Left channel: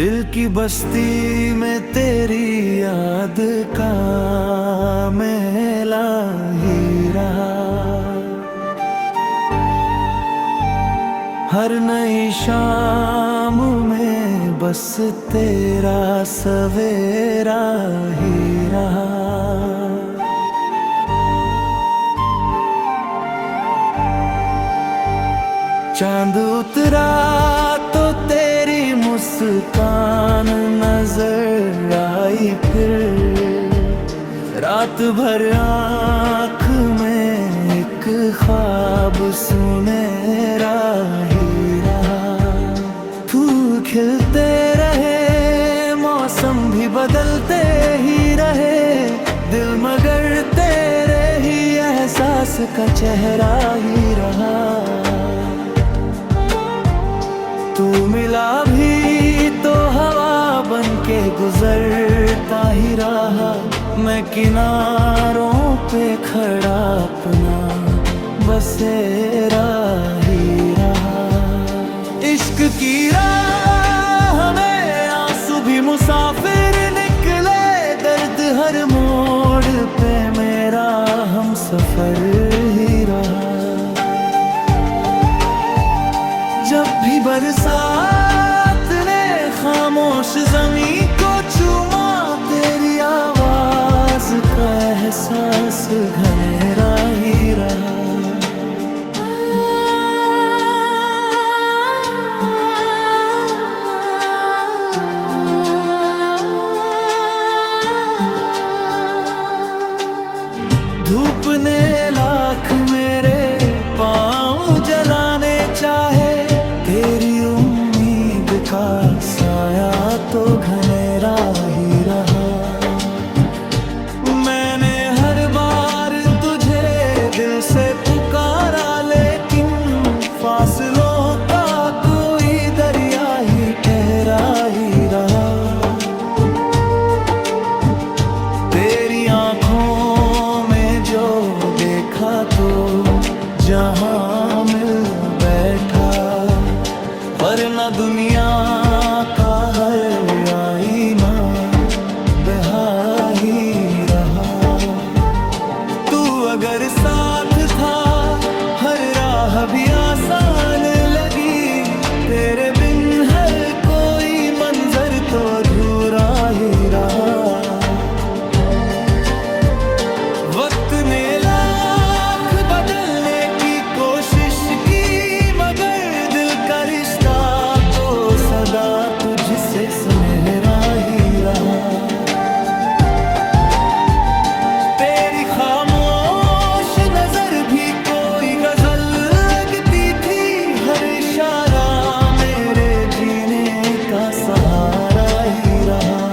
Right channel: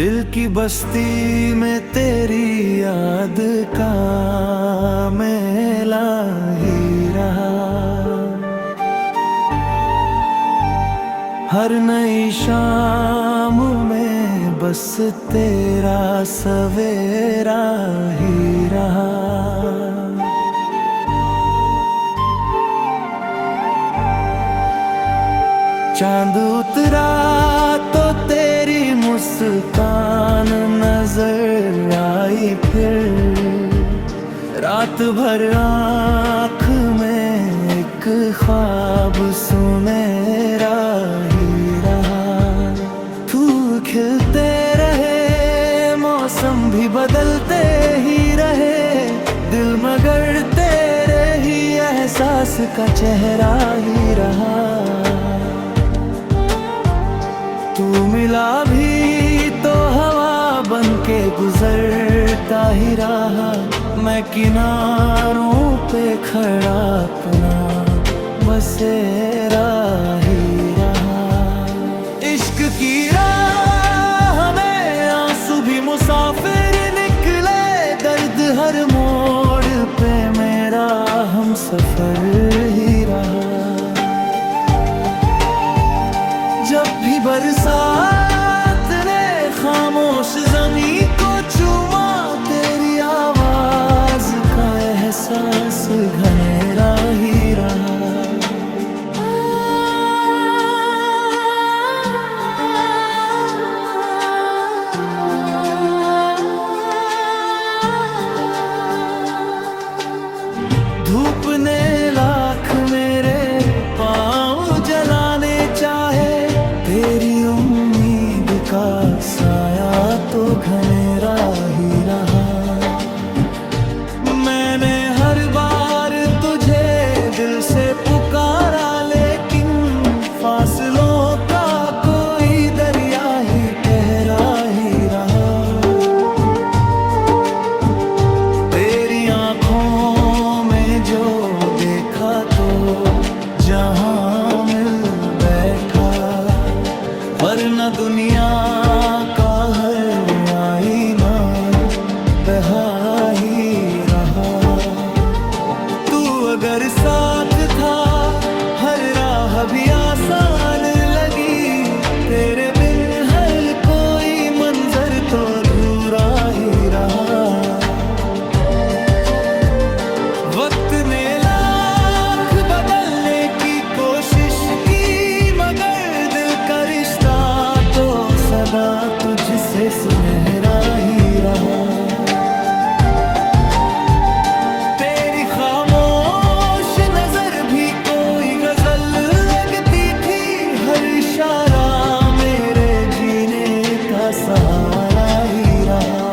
दिल की बस्ती में तेरी याद का मेला ही रहा। हर नई शाम में बस तेरा सवेरा ही रहा। चांद उतरा तो तेरी मुस्कान नजर आई, फिर रात भर आँख में एक ख्वाब सुनहरा ही रहा। फूल खिलते रहे, मौसम भी बदलते ही रहे, दिल मगर तेरे ही एहसास का चेहरा ही रहा। तू मिला भी तो हवा बन के गुजरता ही रहा। मैं किनारों पे खड़ा अपना बसेरा ही रहा। इश्क की राह में आंसू भी मुसाफिर निकले, दर्द हर मोड़ पे मेरा हम सफर ही रहा। जब भी बरसात ने खामोश ज़मीं को चूमा, तेरी आवाज का एहसास घनेरा ही रहा। धूप ने लाख मेरे पाँव जलाने चाहे, तेरी उम्मीद का साया तो घनेरा ही रहा। मैंने हर बार तुझे दिल से पुकारा, लेकिन फासलों का कोई दरिया ही ठहरा ही रहा। तेरी आँखों में जो देखा तो जहां मिल बैठा, वरना दुनिया का हर आईना बहा ही रहा। तू अगर साथ था हर राह भी आसान लगी, तेरे बिन हर कोई मंजर तो अधूरा ही रहा। वक्त ने लाख बदलने की कोशिश की, मगर दिल का रिश्ता तो सदा तुझसे सुनहरा ही रहा। तेरी खामोश नजर भी कोई गजल लगती थी, हर इशारा मेरे जीने का सहारा ही रहा।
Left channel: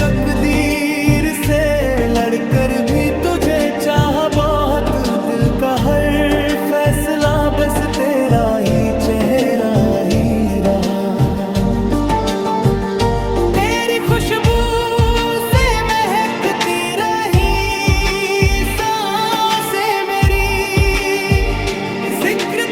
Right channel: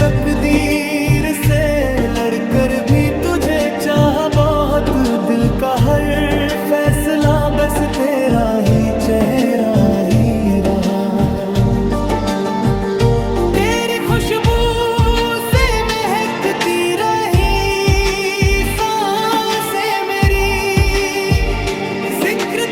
तकदीर से लड़कर भी तुझे चाहा बहुत, दिल का हर फैसला बस तेरा ही चेहरा ही रहा। तेरी खुशबू से महकती रही सांसें मेरी, जिक्र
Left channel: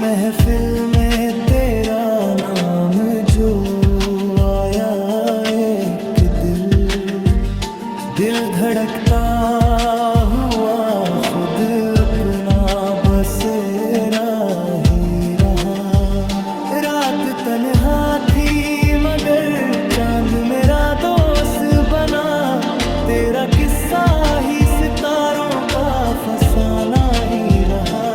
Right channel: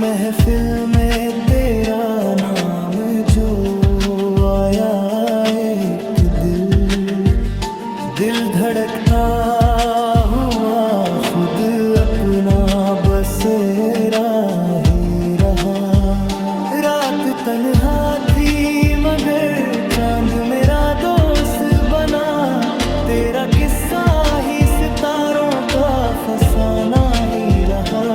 महफिल में तेरा नाम जो आया, एक दिल धड़कता हुआ खुद अपना बसेरा ही रहा। रात तन्हा थी मगर चांद मेरा दोस्त बना, तेरा किस्सा ही सितारों का फसाना ही रहा।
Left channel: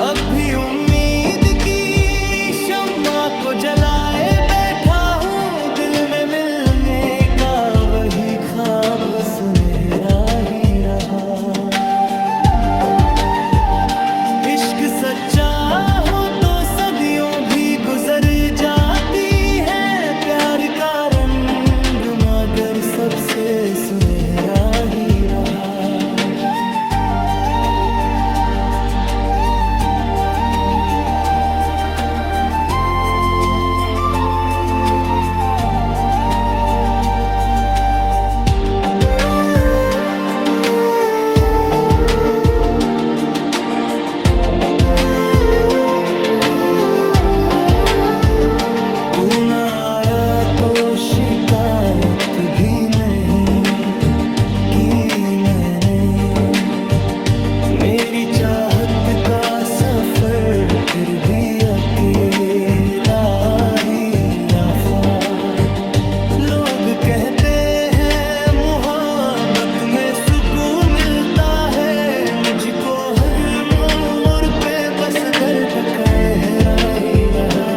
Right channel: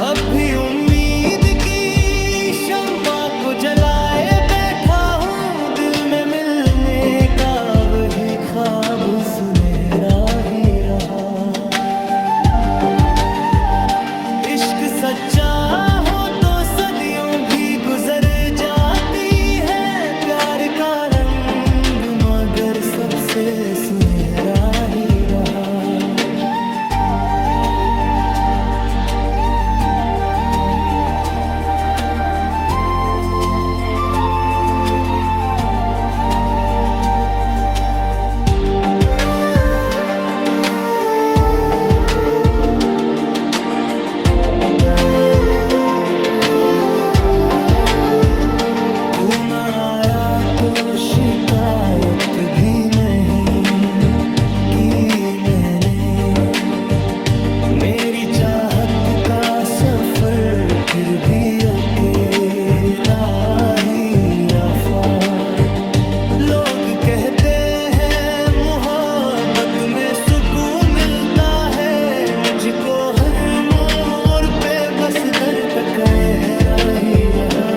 अब भी उम्मीद की शम्मा को जलाए बैठा हूँ, दिल में मिलने का वही ख्वाब सुनहरा ही रहा। इश्क सच्चा हो तो सदियों भी गुजर जाती है, प्यार का रंग मगर सबसे सुनहरा ही रहा। तू न आया तो शिकायत भी नहीं की मैंने, मेरी चाहत का सफर फिर भी अकेला ही रहा। लोग कहते हैं मोहब्बत में सुकून मिलता है, मुझको हर मोड़ पे बस दर्द कहरा ही रहा।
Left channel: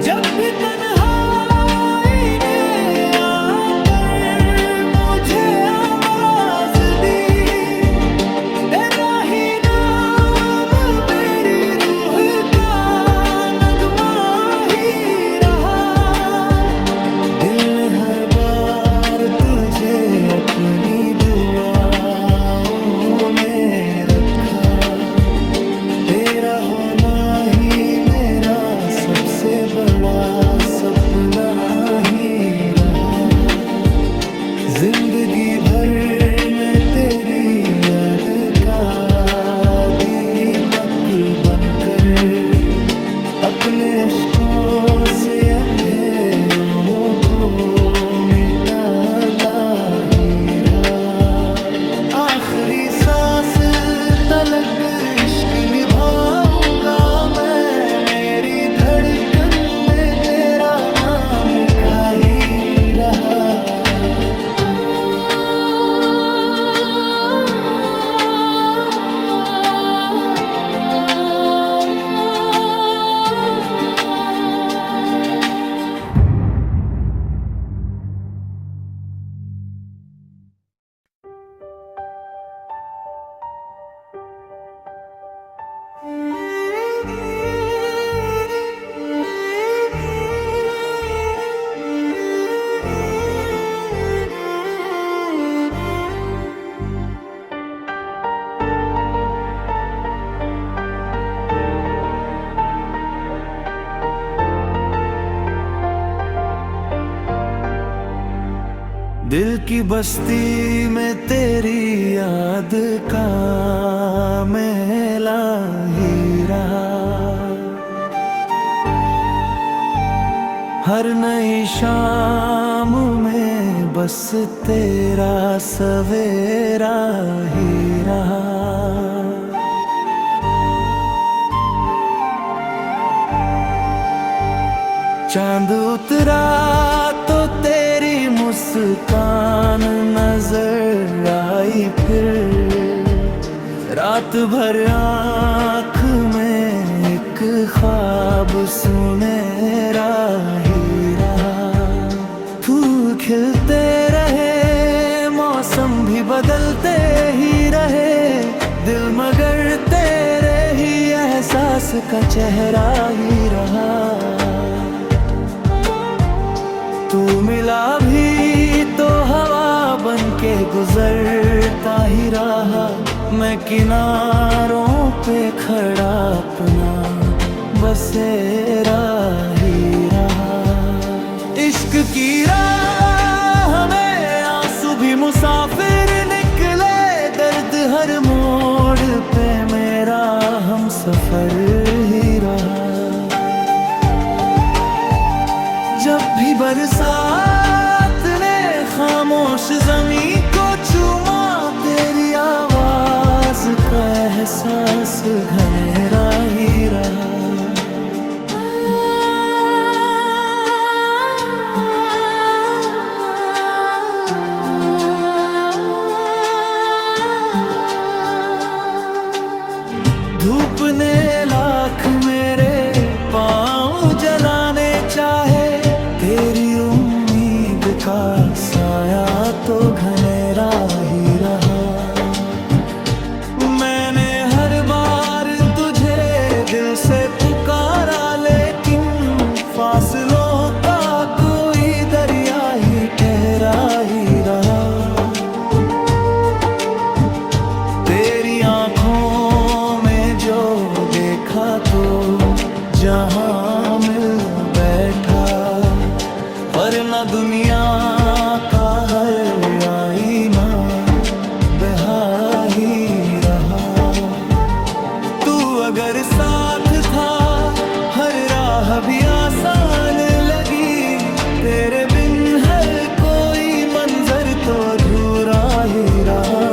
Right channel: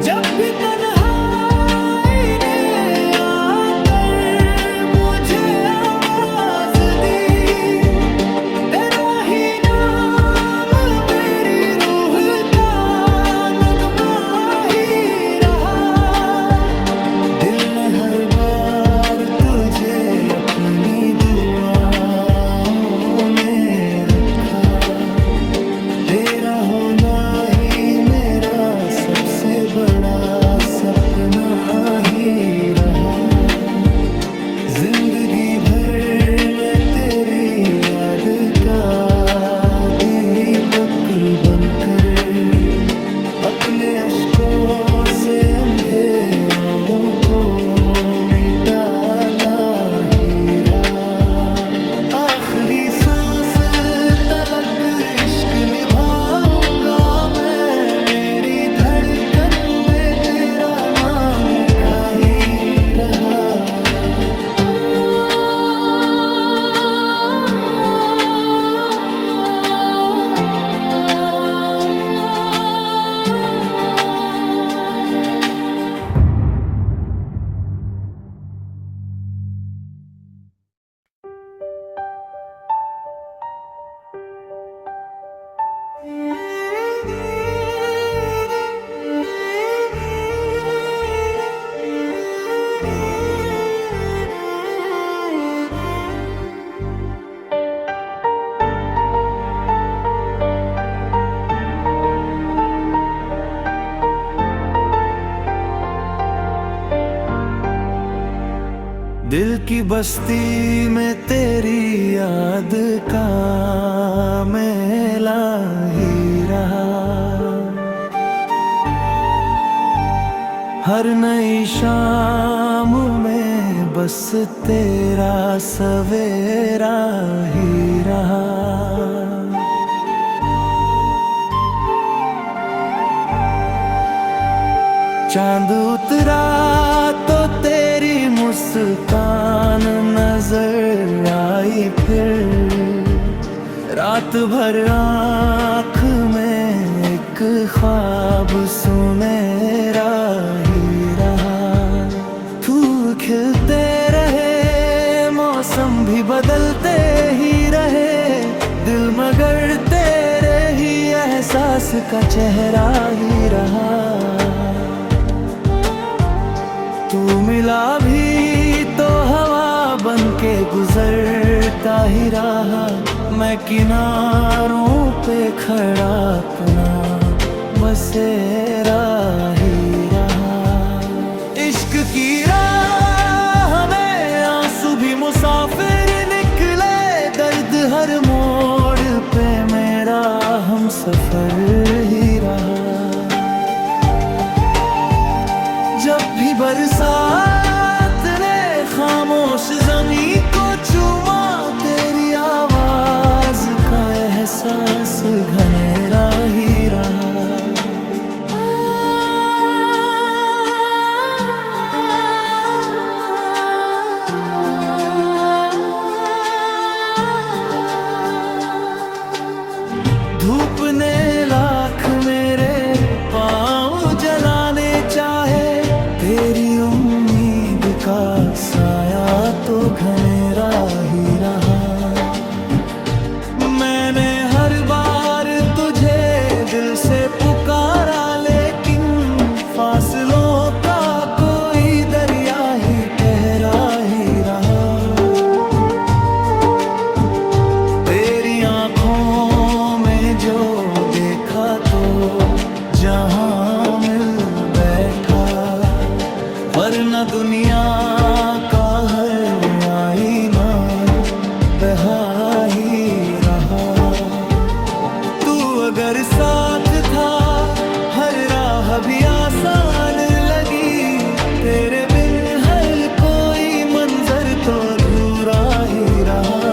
जब भी तन्हाई ने आकर मुझे आवाज दी, तेरा ही नाम मेरी रूह का नगमा ही रहा। दिल ने हर बार तुझे अपनी दुआओं में रखा, तेरा होना ही मेरा सबसे बड़ा सपना ही रहा। जिंदगी भर मैं तेरी याद का दीपक बनकर अपने अश्कों से अंधेरों को मिटाता ही रहा। आखिरी सांस तलक इश्क निभाऊंगा मैं, मेरी धड़कन में तेरा नाम लिखा ही रहा। दिल की बस्ती में तेरी याद का मेला ही रहा। हर नई शाम में बस तेरा सवेरा ही रहा। चांद उतरा तो तेरी मुस्कान नजर आई, फिर रात भर आँख में एक ख्वाब सुनहरा ही रहा। फूल खिलते रहे, मौसम भी बदलते ही रहे, दिल मगर तेरे ही एहसास का चेहरा ही रहा। तू मिला भी तो हवा बन के गुजरता ही रहा, मैं किनारों पे खड़ा अपना बसेरा ही रहा। इश्क की राह में आंसू भी मुसाफिर निकले, दर्द हर मोड़ पे मेरा हम सफर ही रहा। जब भी बरसात ने खामोश ज़मीं को चूमा, तेरी आवाज का एहसास घनेरा ही रहा। धूप ने लाख मेरे पाँव जलाने चाहे, तेरी उम्मीद का साया तो घनेरा ही रहा। मैंने हर बार दिल से पुकारा, लेकिन फासलों का कोई दरिया ही ठहरा ही रहा। तेरी आंखों में जो देखा तो जहां मिल बैठा, वरना दुनिया का हर आईना बहारा ही रहा। तू अगर साथ था हर राह भी आसान लगी, तेरे बिन हर कोई मंजर तो अधूरा ही रहा।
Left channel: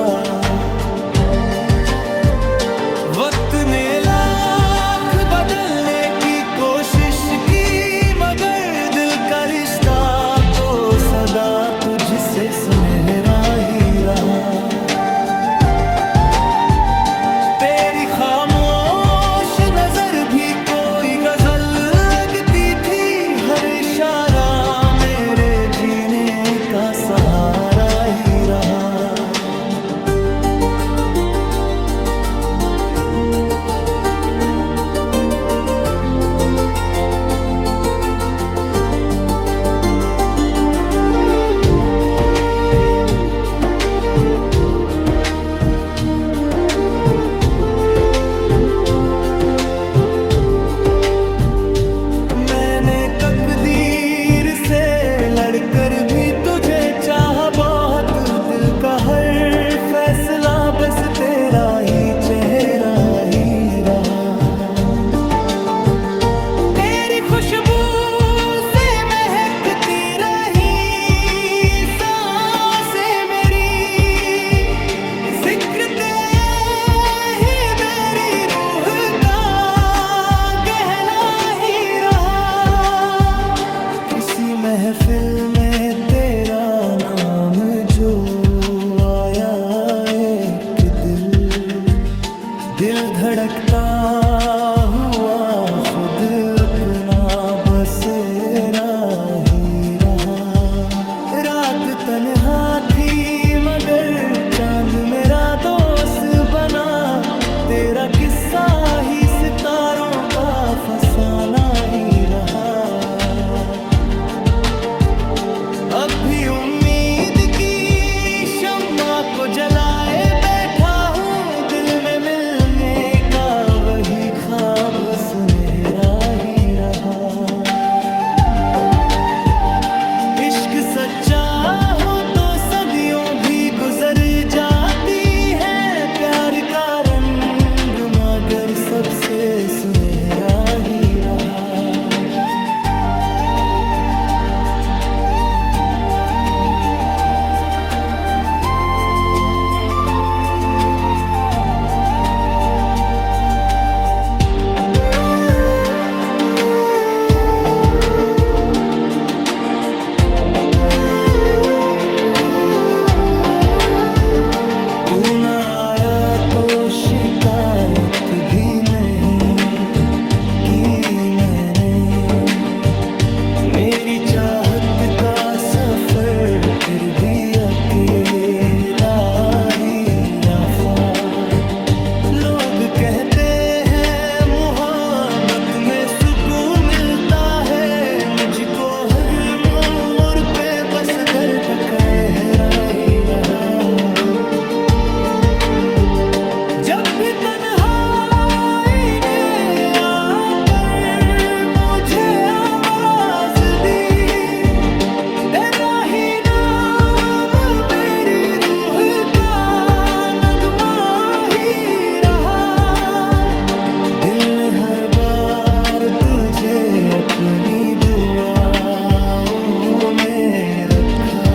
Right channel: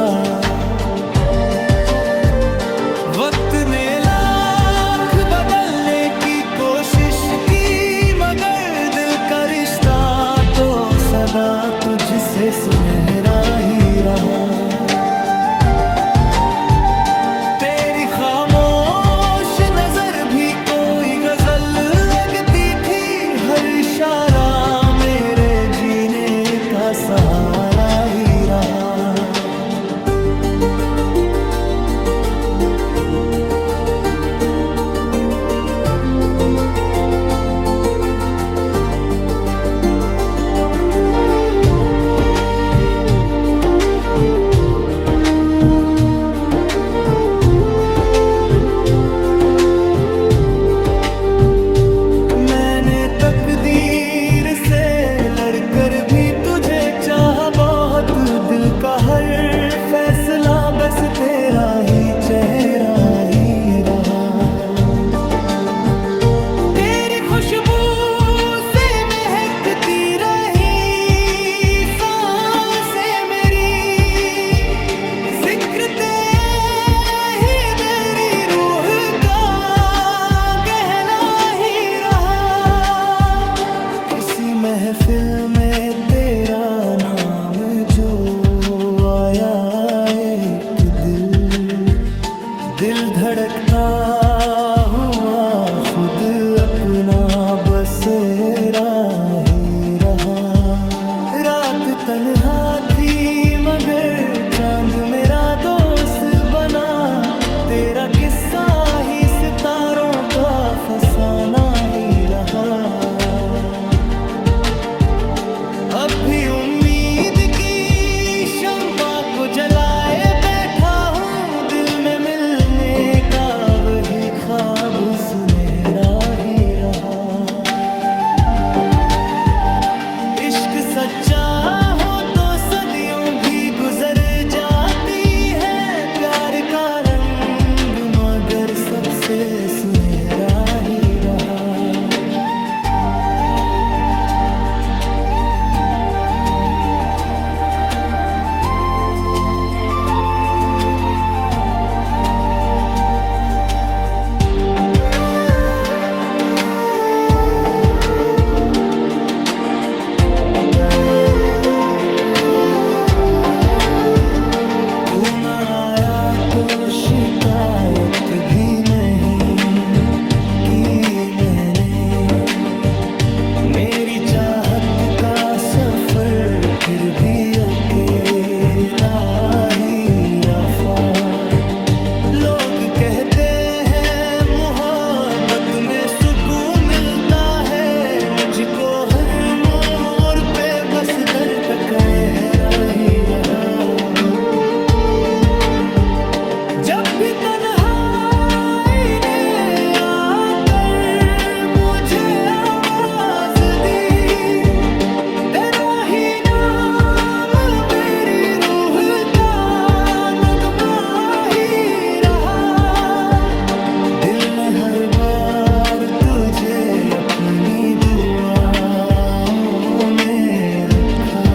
वक्त ने लाख बदलने की कोशिश की, मगर दिल का रिश्ता तो सदा तुझसे सुनहरा ही रहा। तेरी खामोश नजर भी कोई गजल लगती थी, हर इशारा मेरे जीने का सहारा ही रहा। तकदीर से लड़कर भी तुझे चाहा बहुत, दिल का हर फैसला बस तेरा ही चेहरा ही रहा। तेरी खुशबू से महकती रही सांसें मेरी, जिक्र महफिल में तेरा नाम जो आया, एक दिल धड़कता हुआ खुद अपना बसेरा ही रहा। रात तन्हा थी मगर चांद मेरा दोस्त बना, तेरा किस्सा ही सितारों का फसाना ही रहा। अब भी उम्मीद की शम्मा को जलाए बैठा हूँ, दिल में मिलने का वही ख्वाब सुनहरा ही रहा। इश्क सच्चा हो तो सदियों भी गुजर जाती है, प्यार का रंग मगर सबसे सुनहरा ही रहा। तू न आया तो शिकायत भी नहीं की मैंने, मेरी चाहत का सफर फिर भी अकेला ही रहा। लोग कहते हैं मोहब्बत में सुकून मिलता है, मुझको हर मोड़ पे बस दर्द तक ही रहा। जब भी तन्हाई ने आकर मुझे आवाज दी, तेरा ही नाम मेरी रूह का नगमा ही रहा। दिल ने हर बार तुझे अपनी दुआओं में रखा,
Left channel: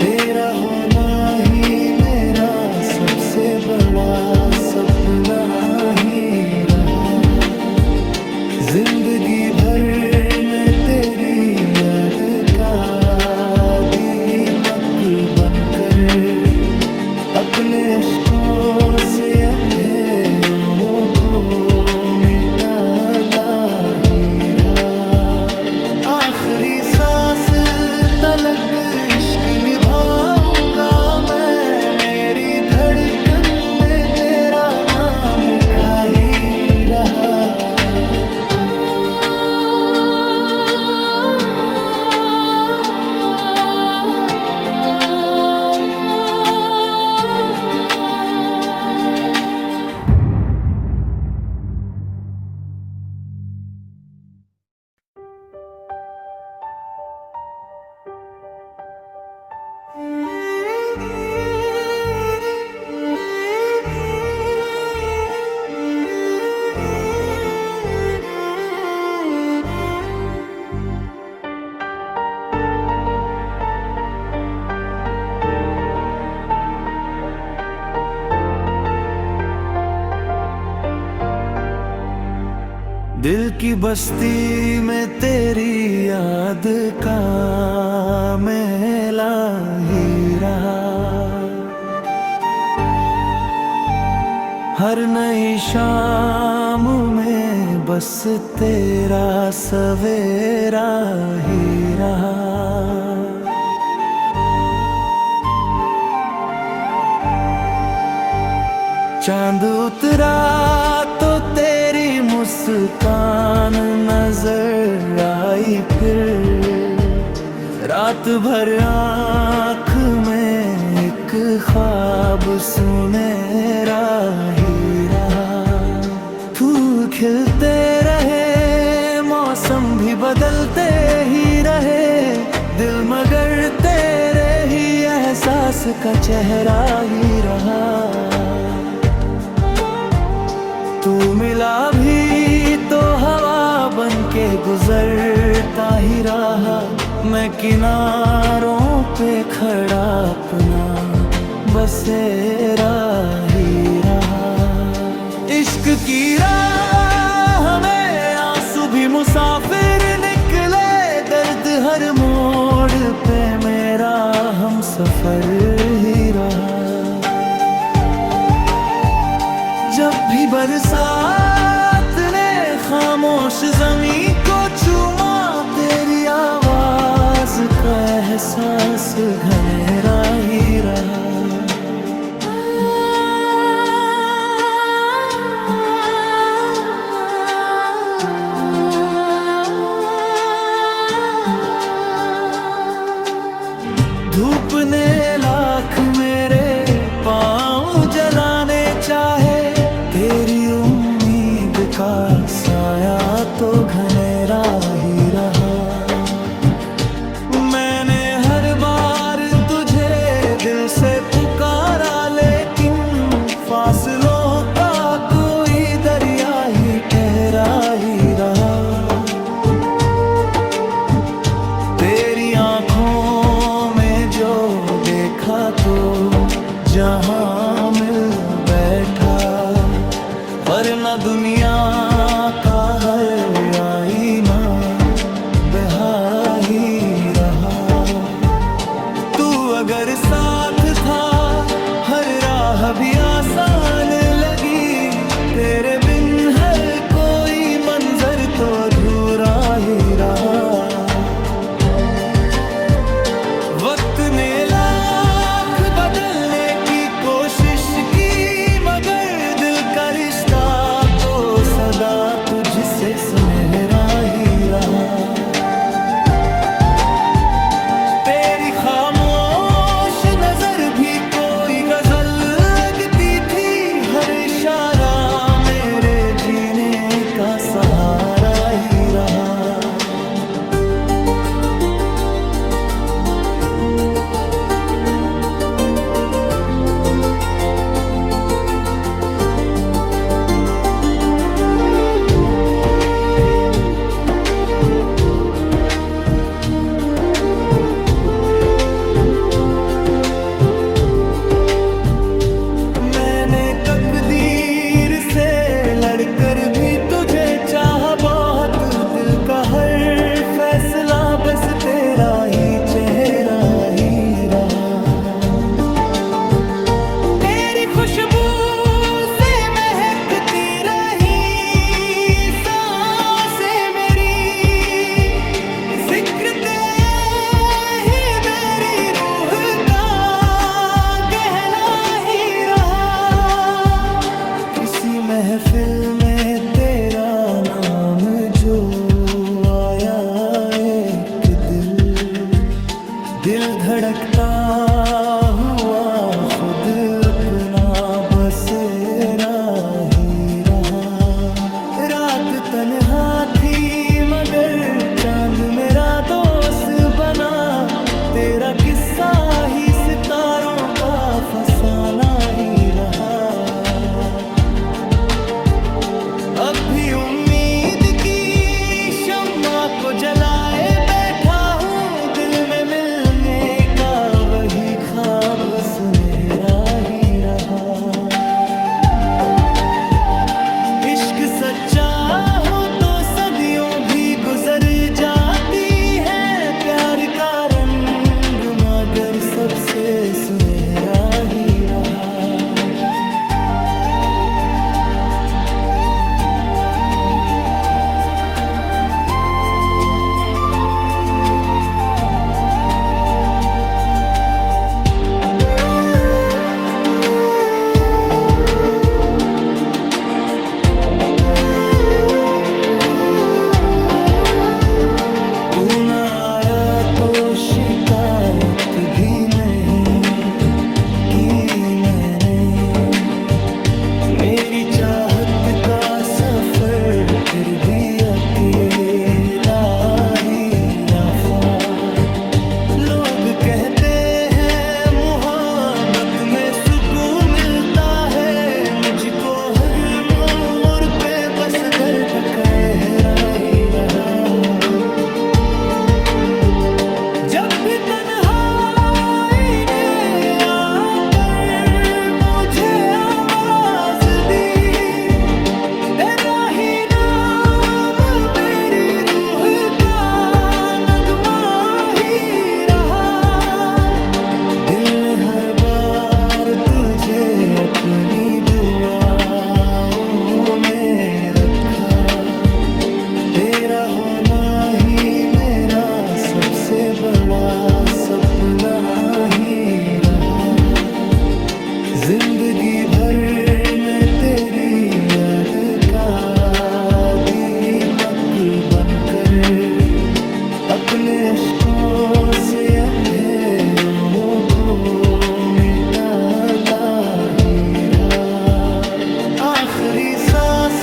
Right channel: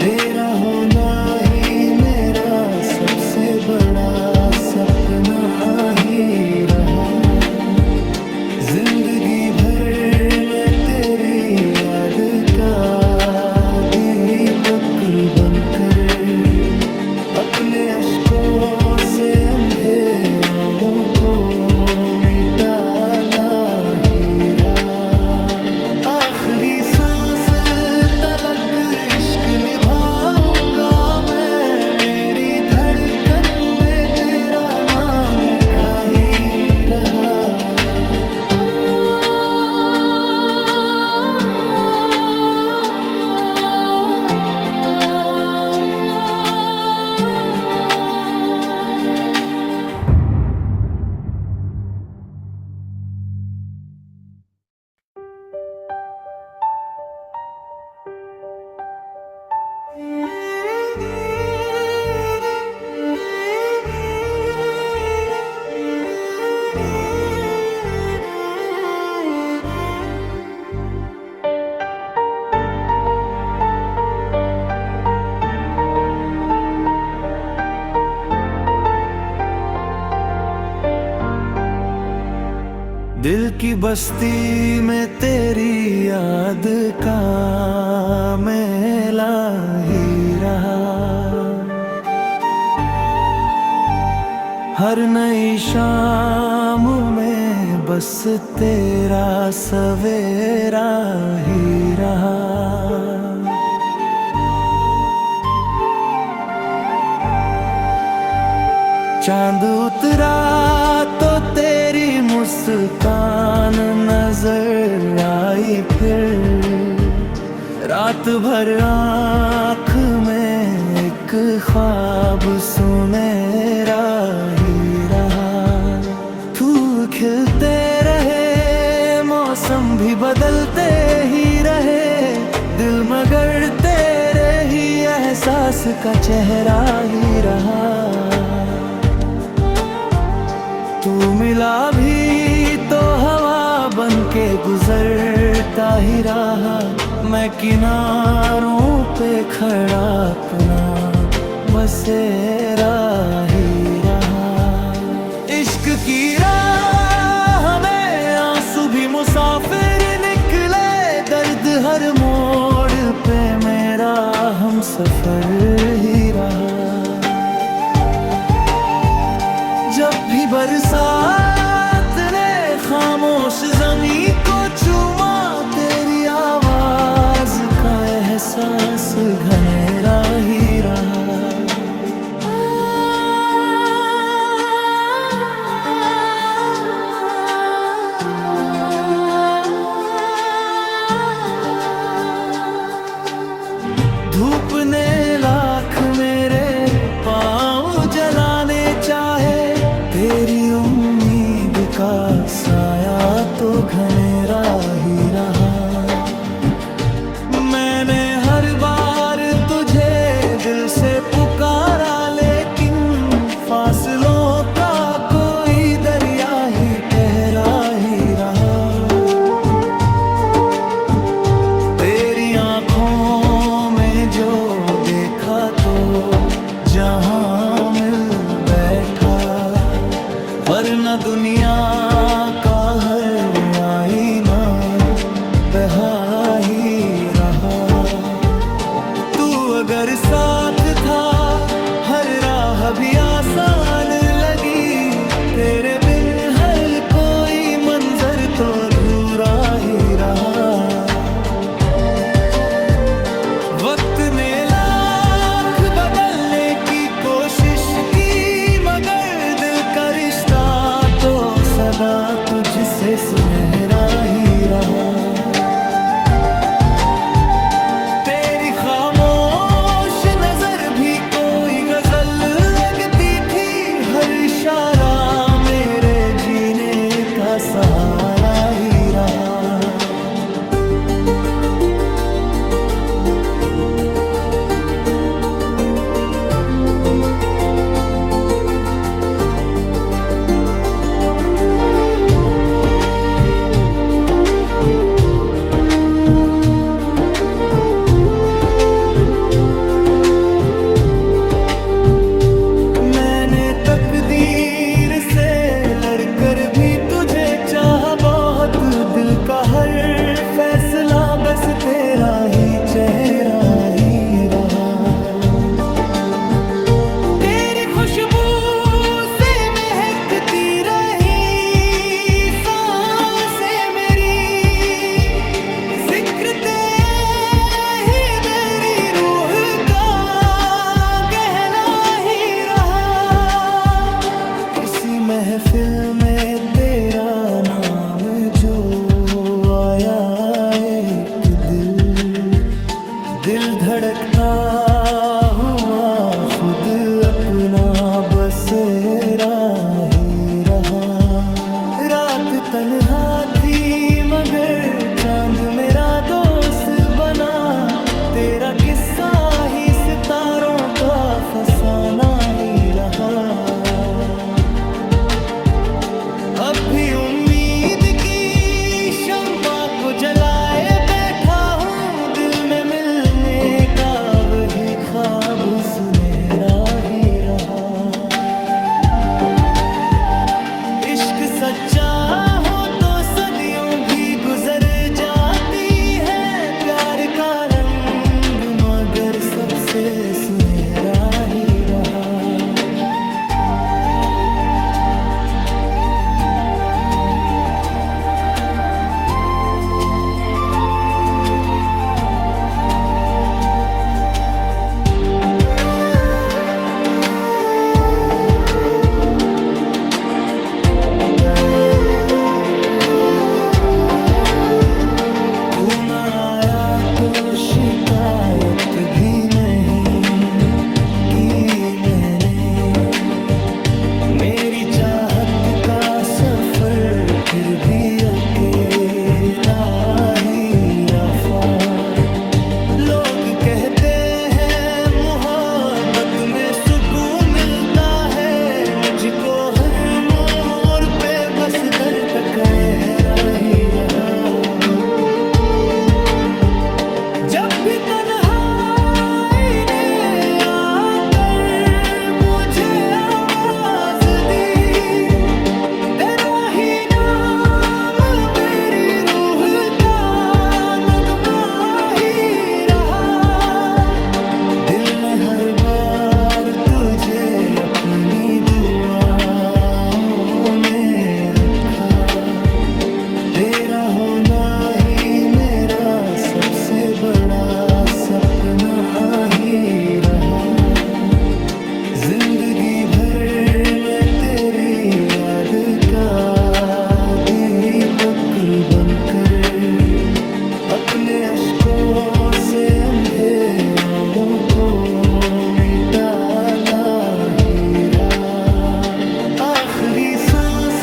तेरा होना ही मेरा सबसे बड़ा सपना ही रहा। जिंदगी भर मैं तेरी याद का दीपक बनकर, अपने अश्कों से अंधेरों को मिटाता ही रहा। आखिरी सांस तलक इश्क निभाऊंगा मैं, मेरी धड़कन में तेरा नाम लिखा ही रहा। दिल की बस्ती में तेरी याद का मेला ही रहा। हर नई शाम में बस तेरा सवेरा ही रहा। चांद उतरा तो तेरी मुस्कान नजर आई, फिर रात भर आँख में एक ख्वाब सुनहरा ही रहा। फूल खिलते रहे, मौसम भी बदलते ही रहे, दिल मगर तेरे ही एहसास का चेहरा ही रहा। तू मिला भी तो हवा बन के गुजरता ही रहा। मैं किनारों पे खड़ा अपना बसेरा ही रहा। इश्क की राह में आंसू भी मुसाफिर निकले, दर्द हर मोड़ पे मेरा हम सफर ही रहा। जब भी बरसात ने खामोश ज़मीं को चूमा, तेरी आवाज का एहसास घनेरा ही रहा। धूप ने लाख मेरे पाँव जलाने चाहे, तेरी उम्मीद का साया तो घनेरा ही रहा। मैंने हर बार तुझे दिल से पुकारा, लेकिन फासलों का कोई दरिया ही ठहरा ही रहा। तेरी आँखों में जो देखा तो जहां मिल बैठा, वरना दुनिया का हर आईना बहारा ही रहा। तू अगर साथ था हर राह भी आसान लगी, तेरे बिन हर कोई मंजर तो अधूरा ही रहा। वक्त ने लाख बदलने की कोशिश की, मगर दिल का रिश्ता तो सदा तुझसे सुनहरा ही रहा। तेरी खामोश नजर भी कोई गजल लगती थी, हर इशारा मेरे जीने का सहारा ही रहा। तकदीर से लड़कर भी तुझे चाहा बहुत, दिल का हर फैसला बस तेरा ही चेहरा ही रहा। तेरी खुशबू से महकती रही सांसें मेरी, जिक्र महफिल में तेरा नाम जो आया एक दिल धड़कता हुआ खुद अपना बसेरा ही रहा। रात तन्हा थी मगर चांद मेरा दोस्त बना, तेरा किस्सा ही सितारों का फसाना ही रहा। अब भी उम्मीद की शम्मा को जलाए बैठा हूँ, दिल में मिलने का वही ख्वाब सुनहरा ही रहा। इश्क सच्चा हो तो सदियों भी गुजर जाती है, प्यार का रंग मगर सबसे सुनहरा ही रहा। तू न आया तो शिकायत भी नहीं की मैंने, मेरी चाहत का सफर फिर भी अकेला ही रहा। लोग कहते हैं मोहब्बत में सुकून मिलता है, मुझको हर मोड़ पे बस दर्द कहरा ही रहा। जब भी तन्हाई ने आकर मुझे आवाज दी, तेरा ही नाम मेरी रूह का नगमा ही रहा। दिल ने हर बार तुझे अपनी दुआओं में रखा, तेरा होना ही मेरा सबसे बड़ा सपना ही रहा। जिंदगी भर मैं तेरी याद का दीपक बनकर अपने अश्कों से अंधेरों को मिटाता ही रहा। आखिरी सांस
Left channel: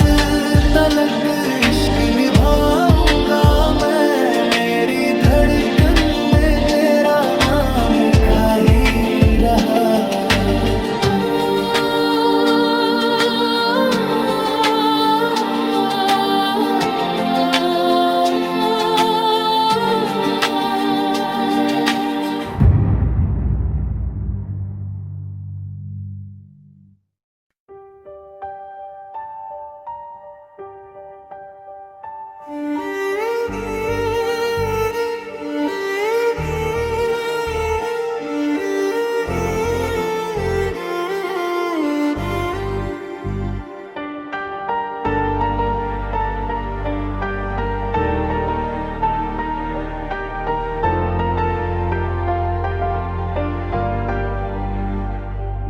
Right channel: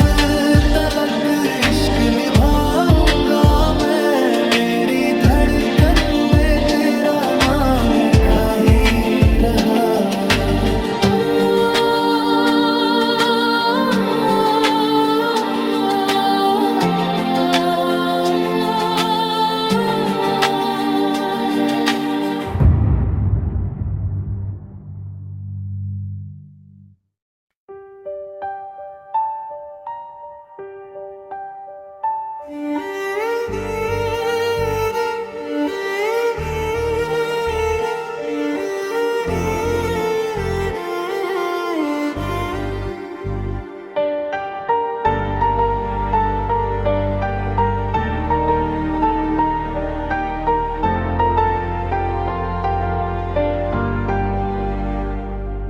तलक इश्क निभाऊंगा मैं, मेरी धड़कन में तेरा नाम लिखा ही रहा।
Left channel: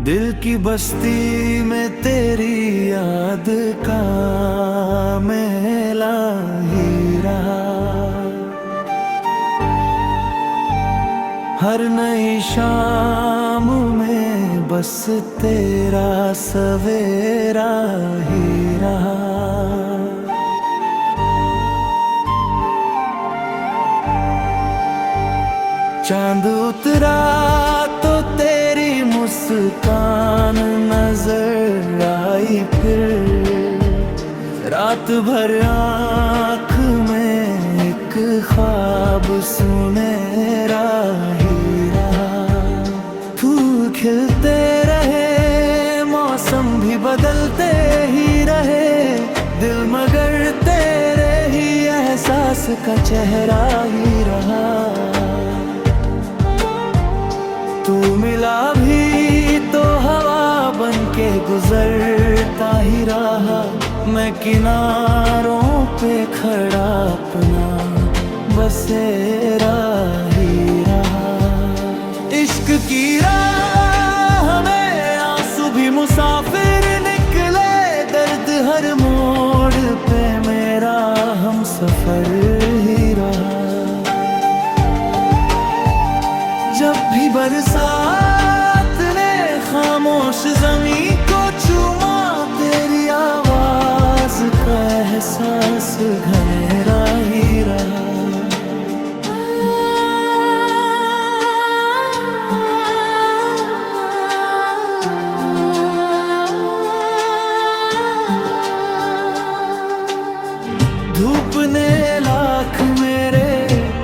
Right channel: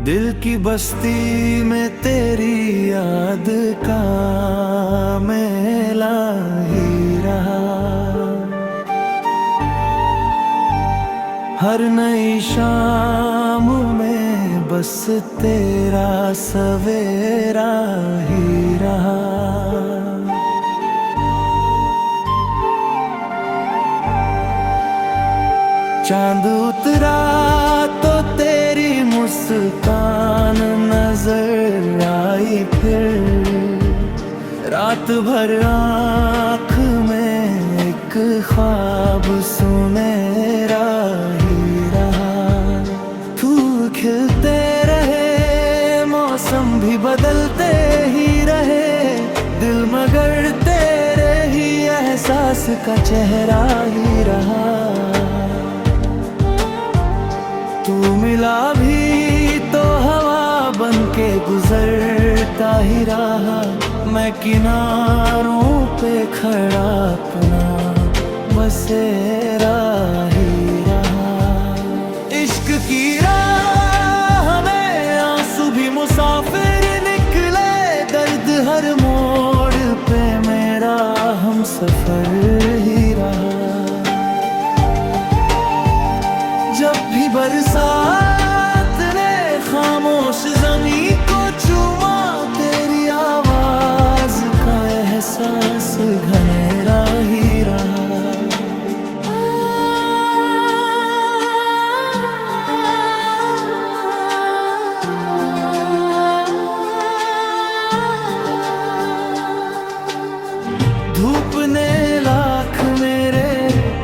दिल की बस्ती में तेरी याद का मेला ही रहा। हर नई शाम में बस तेरा सवेरा ही रहा। चांद उतरा तो तेरी मुस्कान नजर आई, फिर रात भर आँख में एक ख्वाब सुनहरा ही रहा। फूल खिलते रहे, मौसम भी बदलते ही रहे, दिल मगर तेरे ही एहसास का चेहरा ही रहा। तू मिला भी तो हवा बन के गुजरता ही रहा, मैं किनारों पे खड़ा अपना बसेरा ही रहा। इश्क की राह में आंसू भी मुसाफिर निकले, दर्द हर मोड़ पे मेरा हम सफर ही रहा। जब भी बरसात ने खामोश जमी को चूमा, तेरी आवाज का एहसास घनेरा ही रहा। धूप ने लाख मेरे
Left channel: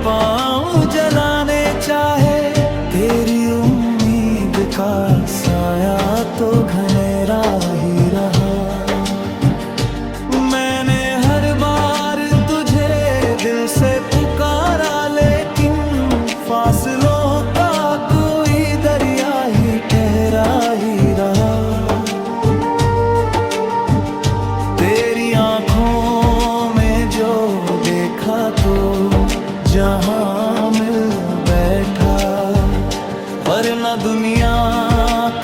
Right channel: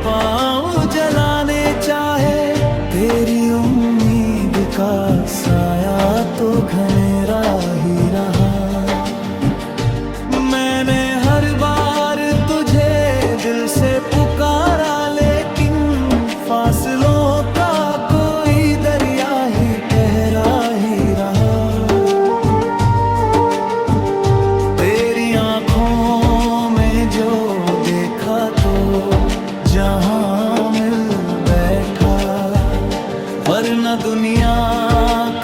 पाँव जलाने चाहे, तेरी उम्मीद का साया तो घनेरा ही रहा। मैंने हर बार तुझे दिल से पुकारा, लेकिन फासलों का कोई दरिया ही ठहरा ही रहा। तेरी आँखों में जो देखा तो जहां मिल बैठा, वरना दुनिया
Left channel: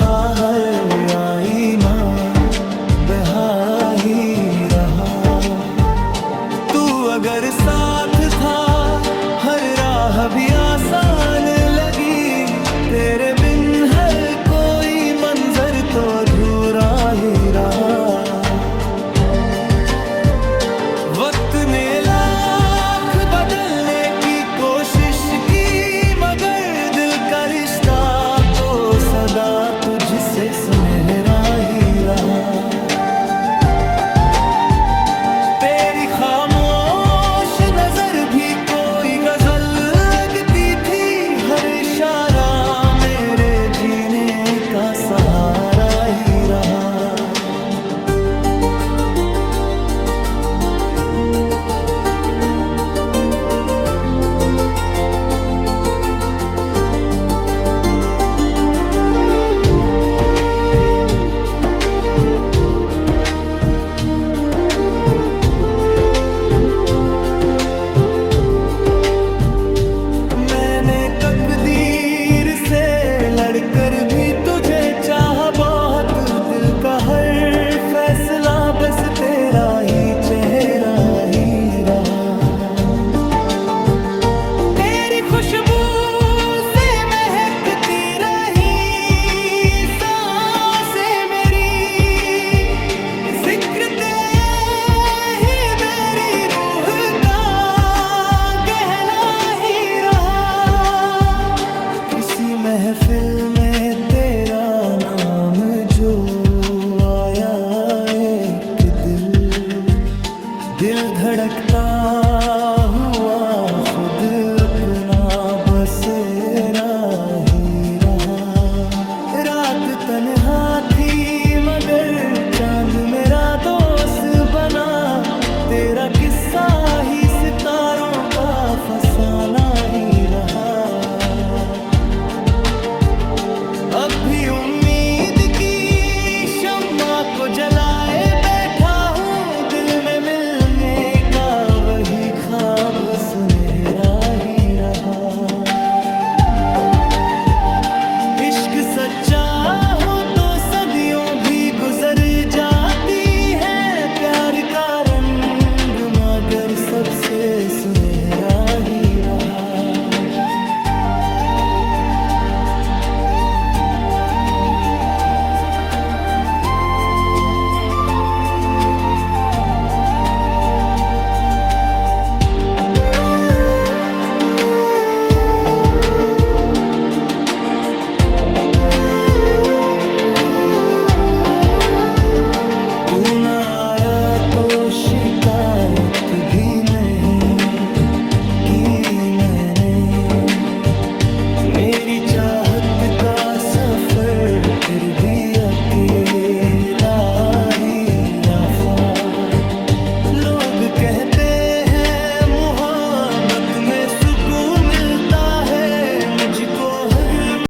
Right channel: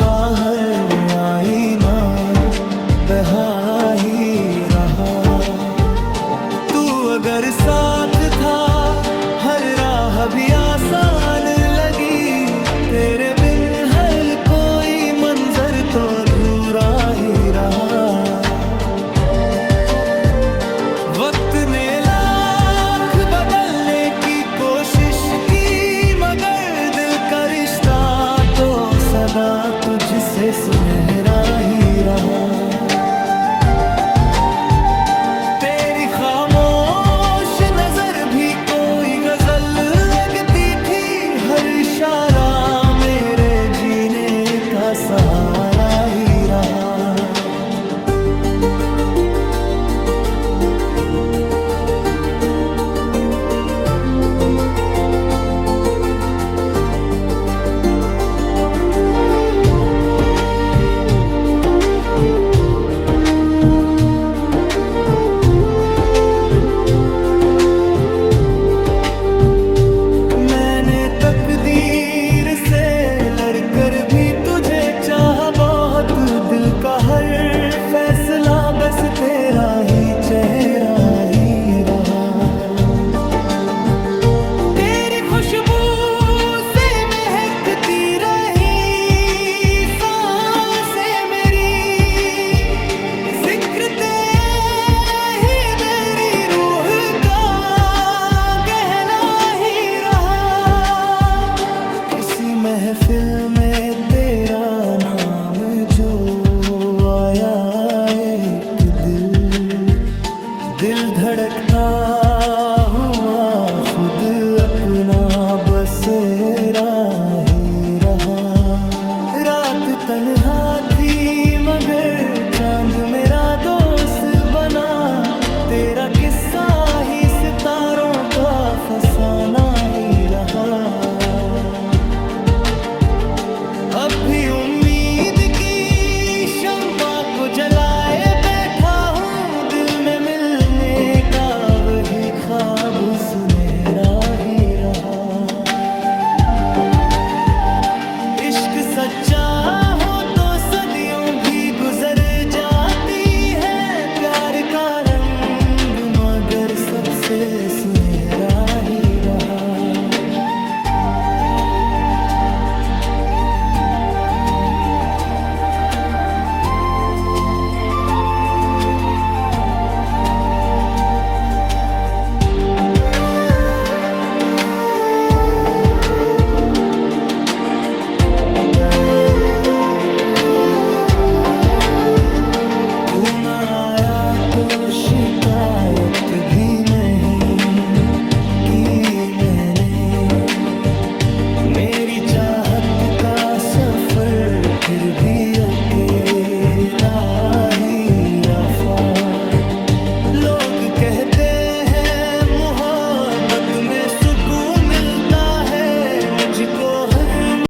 का हर आईना बहारा ही रहा। तू अगर साथ था हर राह भी आसान लगी, तेरे बिन हर कोई मंजर तो अधूरा ही रहा। वक्त ने लाख बदलने की कोशिश की, मगर दिल का रिश्ता तो सदा तुझसे सुनहरा ही रहा। तेरी खामोश नजर भी कोई गजल लगती थी, हर इशारा मेरे जीने का सहारा ही रहा। तकदीर से लड़कर भी तुझे चाहा बहुत, दिल का हर फैसला बस तेरा ही चेहरा ही रहा। तेरी खुशबू से महकती रही सांसें मेरी, जिक्र महफिल में तेरा नाम जो आया, एक दिल धड़कता हुआ खुद अपना बसेरा ही रहा। रात तन्हा थी मगर चांद मेरा दोस्त बना, तेरा किस्सा ही सितारों का फसाना ही रहा। अब भी उम्मीद की शम्मा को जलाए बैठा हूँ, दिल में मिलने का वही ख्वाब सुनहरा ही रहा। इश्क सच्चा हो तो सदियों भी गुजर जाती है, प्यार का रंग मगर सबसे सुनहरा ही रहा। तू न आया तो शिकायत भी नहीं की मैंने, मेरी चाहत का सफर फिर भी अकेला ही रहा। लोग कहते हैं मोहब्बत में सुकून मिलता है, मुझको हर